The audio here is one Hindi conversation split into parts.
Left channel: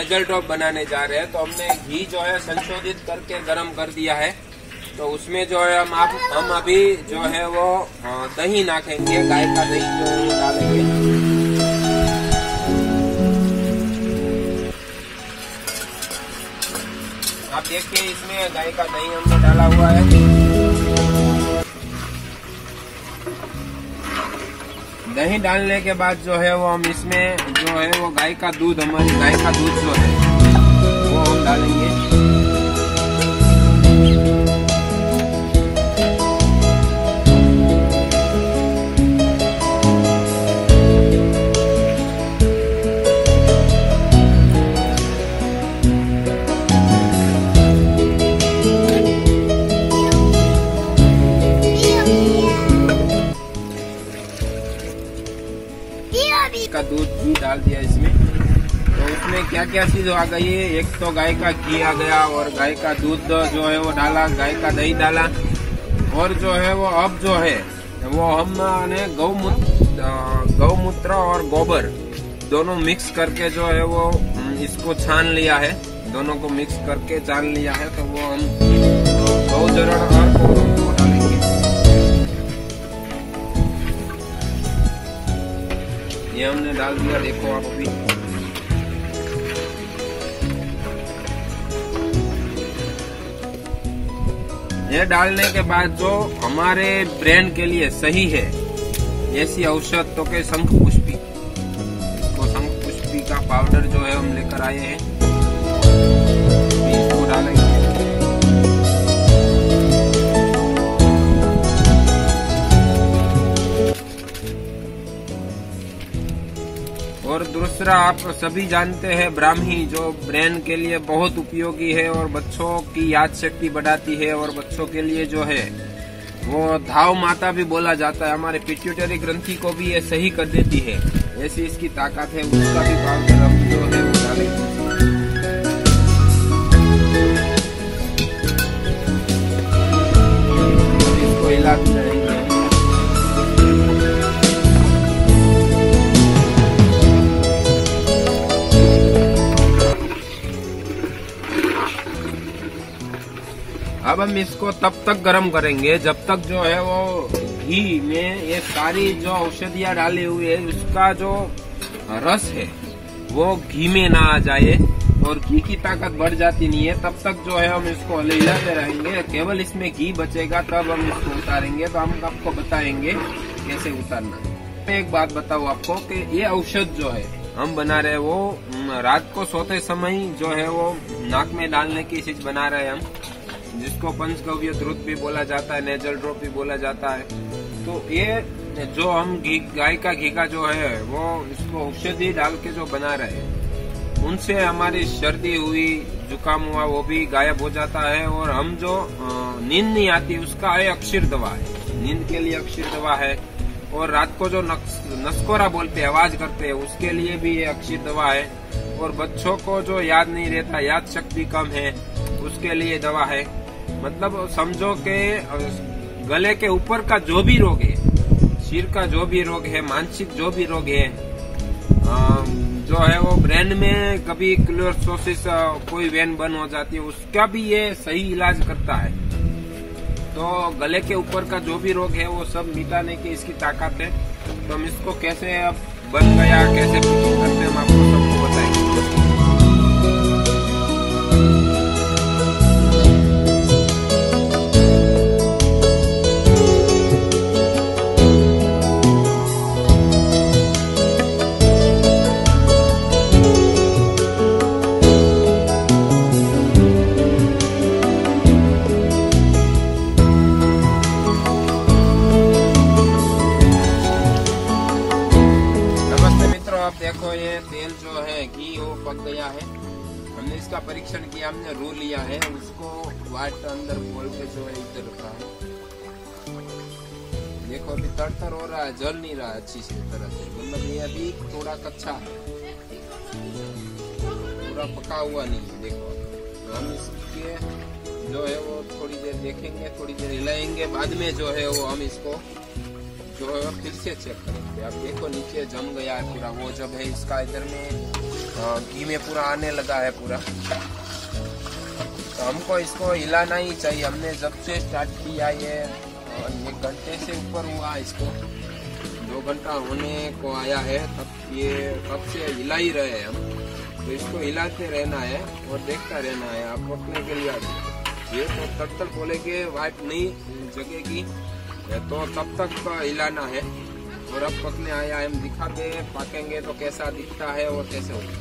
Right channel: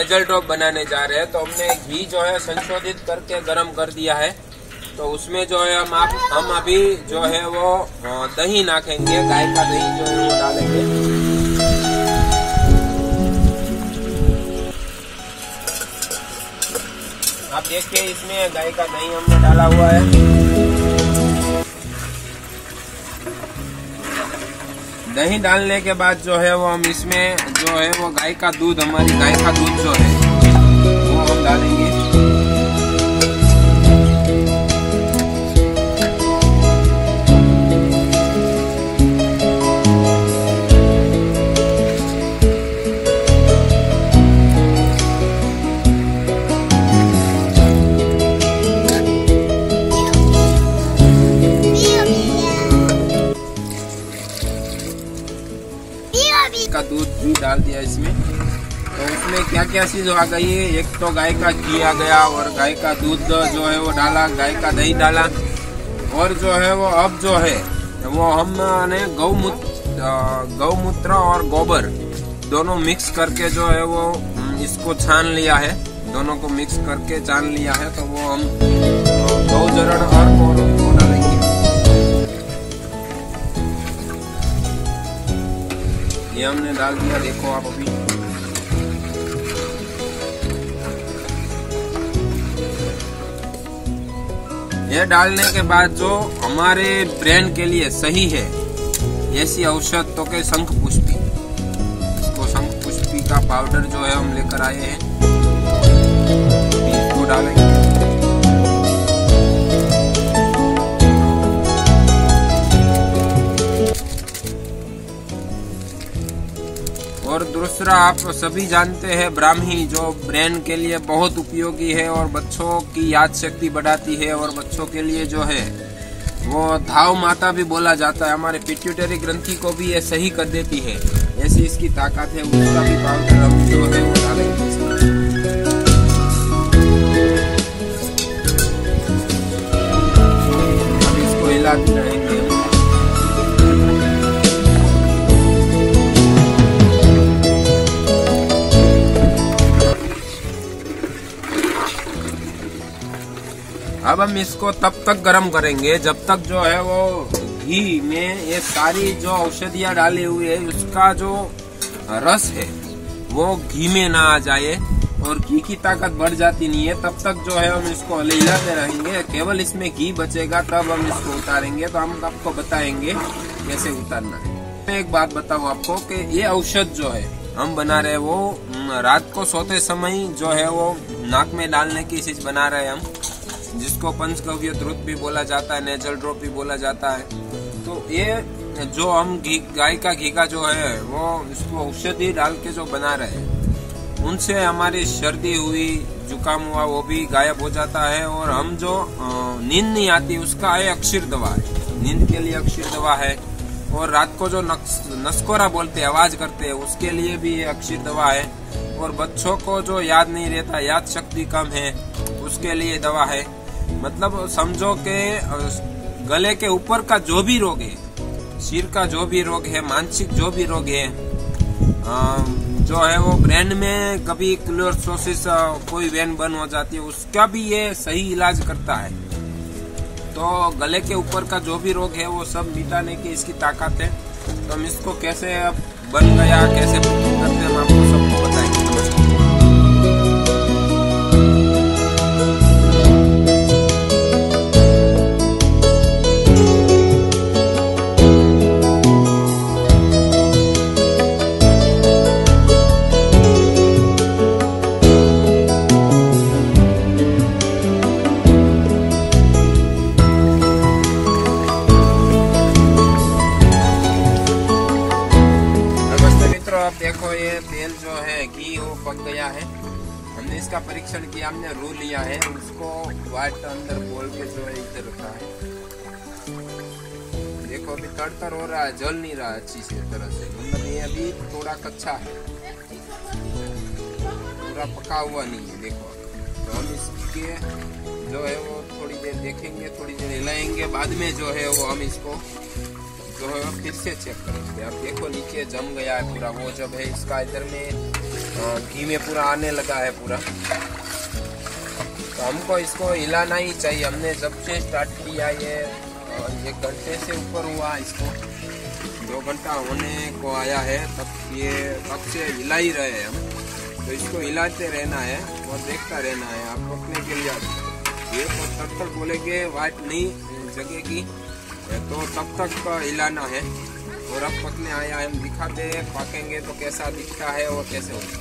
नेजल ड्रॉप बनाने जा रहे हैं। तो हमने घी जो है संशोधित करके गरम कर दिया है। तो उसमें जो है हम अभी जो है वो दही नाखेंगे, गाय का दही जो है वो डालेंगे। आप देखिए इसमें गाय का दही हमने डाला हुआ है। दही डालने के बाद जो है वो हम इसमें जो है वो गाय का दूध, हमारी गाय का दूध जो है वो हम डालेंगे। का दूध भी डाल दिया इसमें। तो उसमें क्या क्या चीज आ गई है, एक तो गाय का घी आ गया और गाय का दूध जो है वो डाला, गाय का दही डाला और जो है वो अब जो है वो हमने गौमूत्र और गोबर दोनों मिक्स करके जो है वो इसको छान लिया है। दोनों को मिक्स करके छान लिया है। तो वो हम गौजरण और वो डालेंगे। ये हमने डाल दिया, देखो आप अभी। ये डालने के बाद जो हमारे ब्रेन के लिए सही है ऐसी औषध तो के शंख पुष्पी, इसको शंख पुष्पी का पाउडर जो है हम लेकर आए हैं, इसको डालेंगे। और दूसरा आप सभी जानते हैं ब्राह्मी जो ब्रेन के लिए बहुत उपयोगी है और बच्चों की याद शक्ति बढ़ाती है और बच्चों के लिए जो है वो धाव माता भी बोला जाता है। हमारे पिट्यूटरी ग्रंथि को भी ये सही कर देती है, ऐसी इसकी ताकत है। उसका भी पाउडर हम जो है वो डालेंगे। अब इसको हिलाते रहेंगे। अब हम इसको तब तक गर्म करेंगे जब तक जो है वो घी में ये सारी जो औषधियाँ डाली हुई है उसका जो रस है वो घी में ना आ जाए और घी की ताकत बढ़ जाती नहीं है। तब तक जो है हम इसको हिलाते रहेंगे। केवल इसमें घी बचेगा तब हम इसको उतारेंगे। तो हम आपको बताएंगे कैसे उतारना है। मैं एक बात बताऊँ आपको कि ये औषध जो है हम बना रहे हैं वो रात को सोते समय जो है वो नाक में डालने की चीज बना रहे हैं हम, जिसको पंचगव्य द्रुत भी बोला जाता है, नेजल ड्रॉप भी बोला जाता है। तो ये जो हम गाय का घी का जो है वो इसको औषधि डाल के जो बना रहे हैं उनसे हमारी सर्दी हुई, जुकाम हुआ वो भी गायब हो जाता है। और हम जो नींद नहीं आती उसका ये अक्षीर दवा है, नींद के लिए अक्षीर दवा है। और रात को जो नस्कोरा बोलते हैं, आवाज करते हैं, उसके लिए भी ये अक्षीर दवा है। और बच्चों को जो याद नहीं रहता, याद शक्ति कम है, उसके लिए दवा है। मतलब समझो के गले के ऊपर का जो भी रोग है, सिर का जो भी रोग है, मानसिक जो भी रोग है, जो है वो ब्रेन में कभी क्लोरोसिस कोई वेन बंद हो जाती है, उसका भी ये सही इलाज करता है। तो गले के ऊपर का जो भी रोग है वो सब मिटाने की इसकी ताकत है। तो हम इसको कैसे बन गया, कैसे करते हैं, हम आपको सबको बताएंगे। नमस्कार। देखो ये तेल जो है घी वो पक गया है। हमने इसका परीक्षण किया, हमने रू लिया है, उसको वाइट अंदर बोल के जो है इधर रखा है। देखो अभी तड़तर हो रहा है, जल नहीं रहा अच्छी से तरह से, मतलब ये अभी थोड़ा कच्चा है, पूरा पका हुआ नहीं है। देखो तो हम इसके जो है वो थोड़ी देर देखेंगे, थोड़ी देर हिलाएंगे, बाद में जो है वो हम इसको जो है फिर से चेक करेंगे। अब देखो नीचे जम गया है पूरा, वो जब है इसका इधर में घी में पूरा आने लगा है पूरा। तो हमको इसको हिलाना ही चाहिए। हमने जब से स्टार्ट किया ये 1 घंटे से ऊपर हुआ, इसको 2 घंटा होने को आया है, तब से हिला ही रहे हैं हम। तो इसको हिलाते रहना है और देखता रहना है। आप पकने के लिए ये तो तब तक बोलेंगे वाइट नहीं जगेगी, तो तब तक हिलाना है। और अब पकने आया है, हम दिखाते हैं पकेंगे तो कैसा दिखता है और कैसे होता है।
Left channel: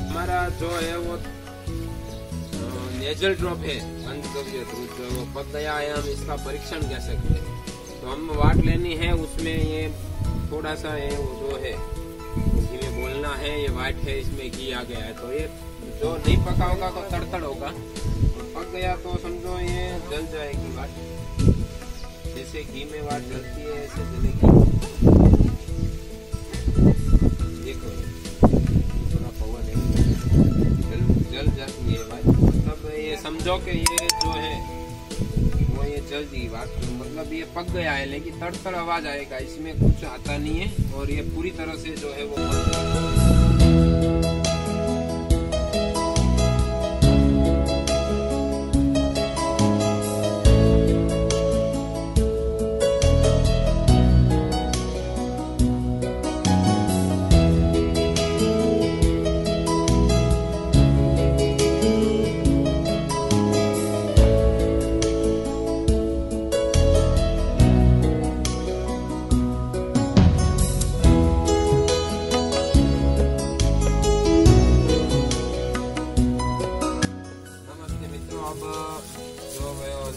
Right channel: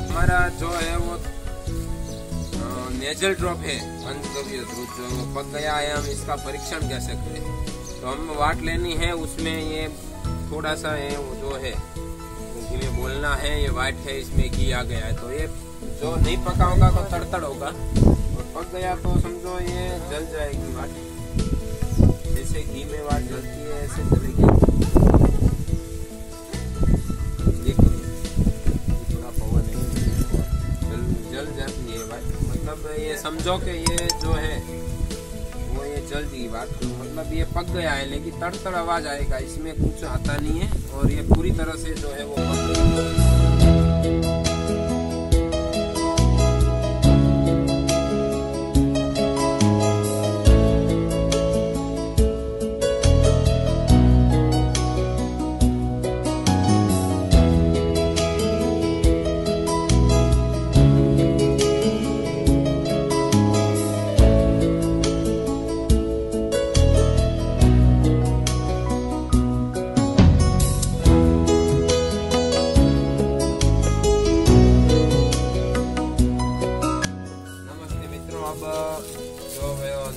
हमारा जो है वो नेजल ड्रॉप है पंचगव्य दूध, जो वो पक गया है। हम इसका परीक्षण कैसे करें? तो हम वाट लेनी है, उसमें ये थोड़ा सा है वो जो है घी में बोलना है ये वाइट है, इसमें घी आ गया है। तो ये जो नहीं पका होगा तो तड़तड़ होगा, और पक गया तो समझो ये जल जाएगी वाट। जैसे घी में वाट जलती है ऐसे जलेगी। देखो थोड़ा पवन नहीं जल जाती है वाट, मतलब ये समझो कि ये जो है वो ये जल गई बात। तो मतलब ये पक गया है, लेकिन तड़तड़ आवाज आएगा, इसमें कुछ आता नहीं है। और ये पूरी तरह से जो है वो पक गया।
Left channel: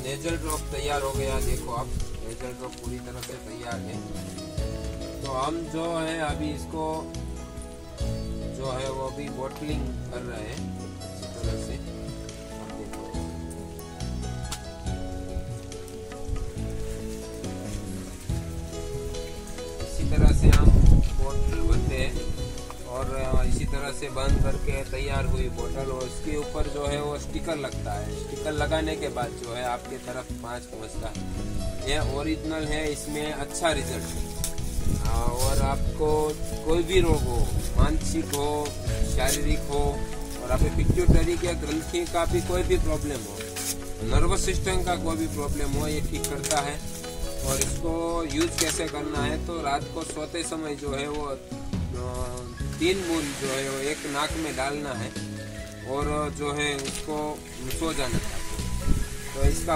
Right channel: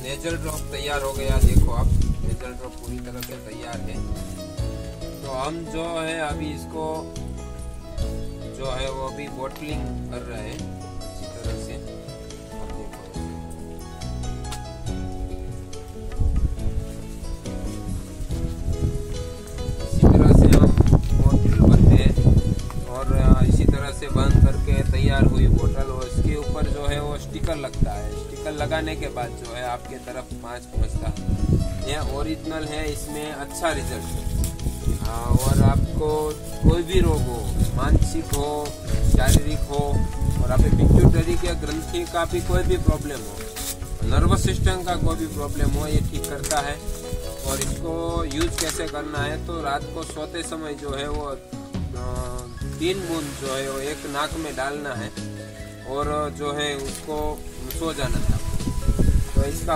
नेजल ड्रॉप तैयार हो गया। देखो आप, नेजल ड्रॉप पूरी तरह से तैयार है। तो हम जो है अभी इसको जो है वो अभी बॉटलिंग कर रहे हैं इसी तरह से। आप देखो इसी तरह से हम बॉटल भरते हैं, और इसी तरह से बंद करके तैयार हुई बोतल। और इसके ऊपर जो है वो स्टिकर लगता है। स्टिकर लगाने के बाद जो है आपके तरफ 5 पहुंचता है। यह ओरिजिनल है, इसमें अच्छा रिजल्ट है। और आपको कोई भी रोग हो, मानसिक हो, शारीरिक हो, और आपके पिट्यूटरी के ग्रंथि का भी कोई भी प्रॉब्लम हो, नर्वस सिस्टम का कोई भी प्रॉब्लम हो, ये ठीक करता है। और इसको यूज कैसे करना है? तो रात को सोते समय जो है वो 3 बूंद जो है वो एक नाक में डालना है, और जो है उसको सो जाना है आपको। तो इसका